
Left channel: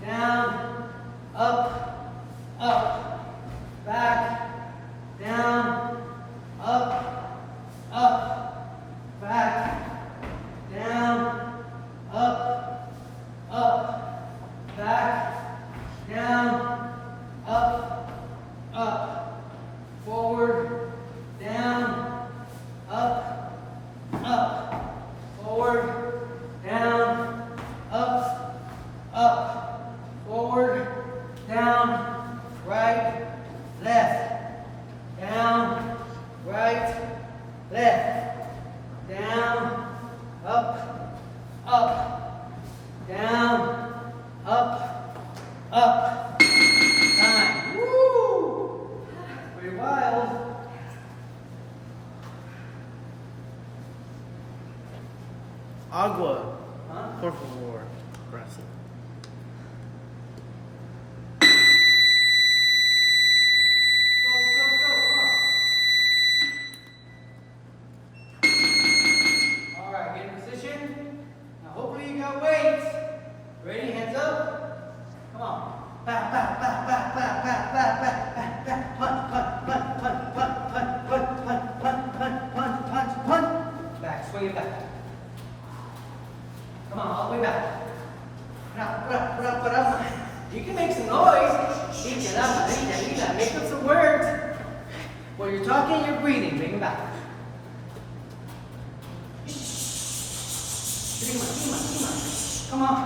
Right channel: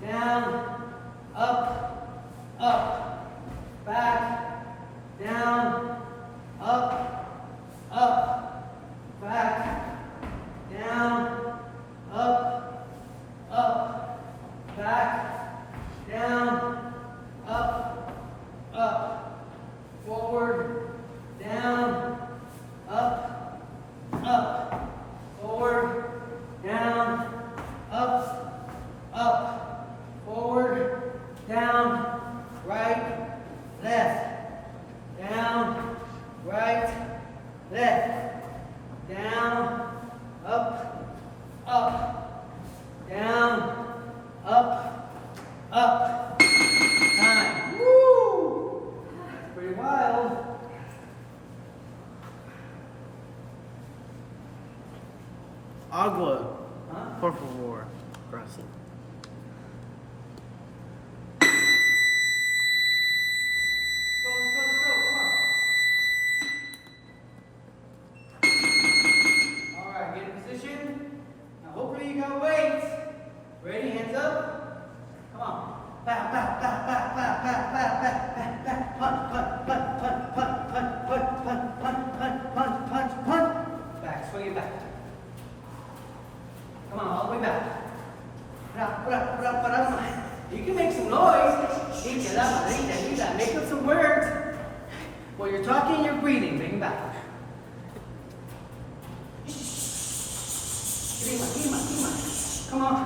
down, up, up, back, down, up, up, back, down, up, up, back, down, up, up, forward, down, up, up, forward, down, up, up, forward, down, right, left, down, right, left, down, up, up, down, up, up. Time. Woo! Pretty wild. Agua, Huh? por favor. Gracias. Let's go, come on. All right, get in position. Now hopefully you got weights. Ready, hands up. Come on. Back, back, back, back, back, back, back, back, back, back. Punch, punch, punch, punch, punch, punch, punch, punch, punch, punch, punch, punch. Back, swing it back. Come on, all the way back. You can make some noise. Make up some words. While you're talking, you're breathing. Bring it back. Come on.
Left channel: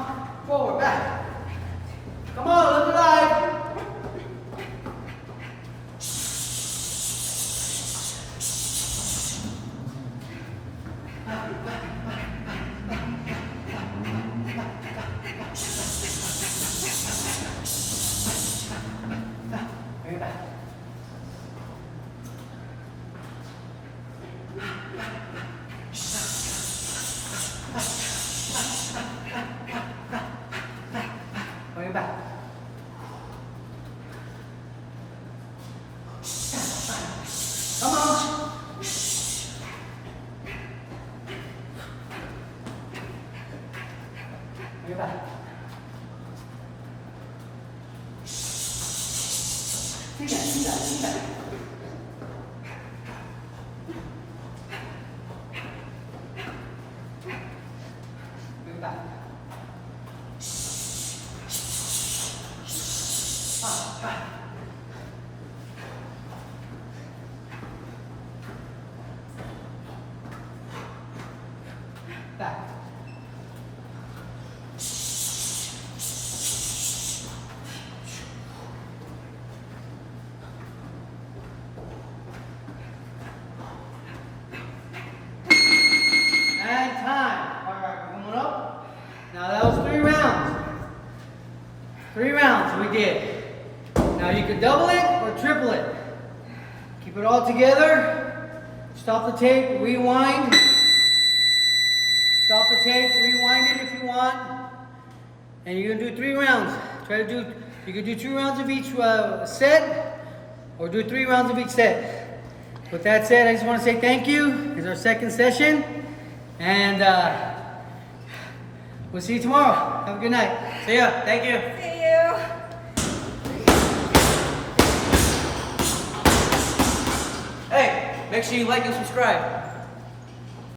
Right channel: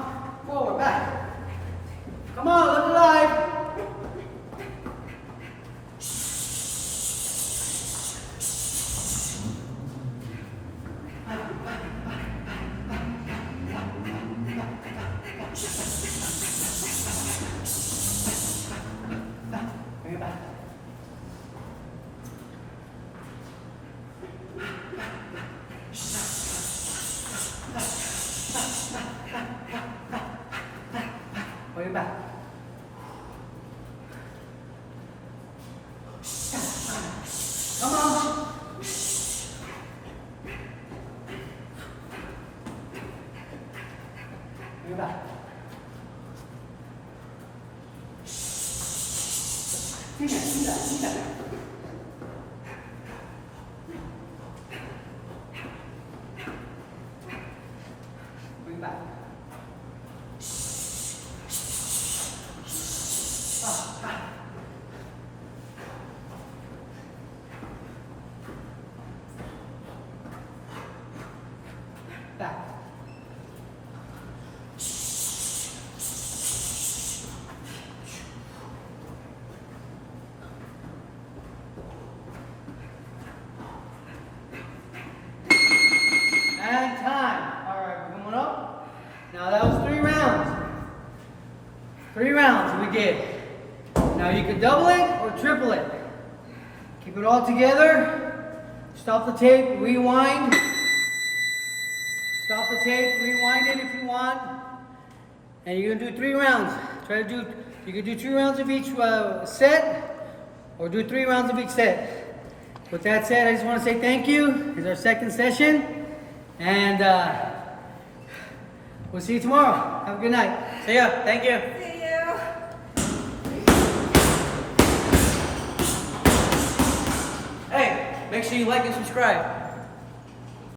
Forward, back. Come on, look alive. Bring it back. Bring it back. Come on. Bring it back. See that. Bring it back. Back. Back. And time. All right, we're coming up. Now that was 3 rounds. 3 rounds we did. Now you could double it or triple it. Keep it all together. Stop the tape, rewind. Stop the tape, rewind it if you want. And you're gonna do 3 rounds. You could do 2 rounds of each set, or do 3 rounds of each set. With that said, I just want to say thank you. It's our second session, and we'll see you tomorrow. Have a good night. See ya. Thank you. See you. Hey, make sure you like and subscribe.